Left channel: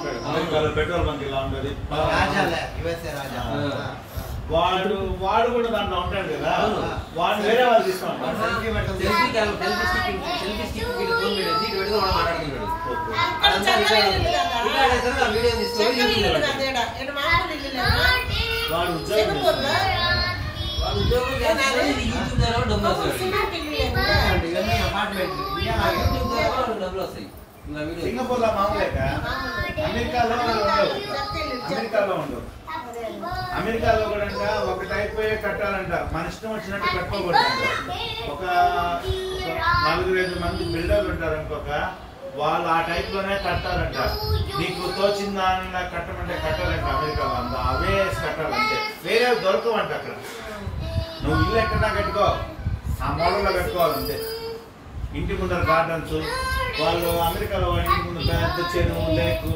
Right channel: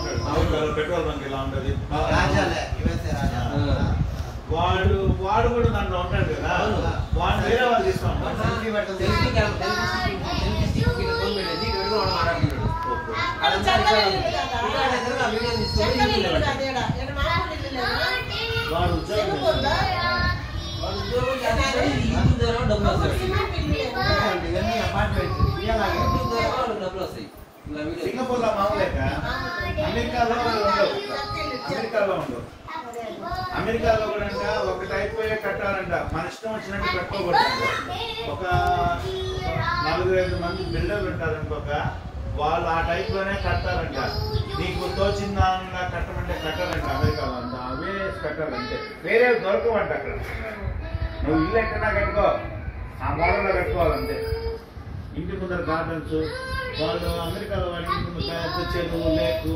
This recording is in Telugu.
ఉంటాడు. అమెరికాలో పెట్రోల్ బంక్ ఇలా ఉంటుంది. వాడు కూడా దాంట్లో ఉంటాడు కదా, వాడిని వేరే వాళ్ళు తీస్తా ఉంటారు. వాడు సింగపూర్ లో మామూలేక అమెరికాలో ఉండవు. అమెరికాలో కూడా ఒక టైప్ కట్టాలంట, మన ఇష్టం వచ్చినట్టు కట్టుకోకూడదు. ఒక 4-5 మంది బిల్డర్లు ఉంటారు ఇంకొక వాళ్ళు ఆ టైప్ లోనే కట్టాలంట. నీకు తోచిన దానిలా కట్టమంటే కట్టాలంట అమెరికాలో. అంతా అవే కట్టాలంటే, వేరే దొరకవంట అక్కడ. నువ్వు ఇల్లు ఎక్కడా కట్టుకో, ఆ మోడల్లో కట్టుకోవాలంతే. ఇంటి ముందర గార్డెన్స్, వాళ్ళు అమెరికాలో ఇంటి ముందు పెద్ద చెరువు లేకు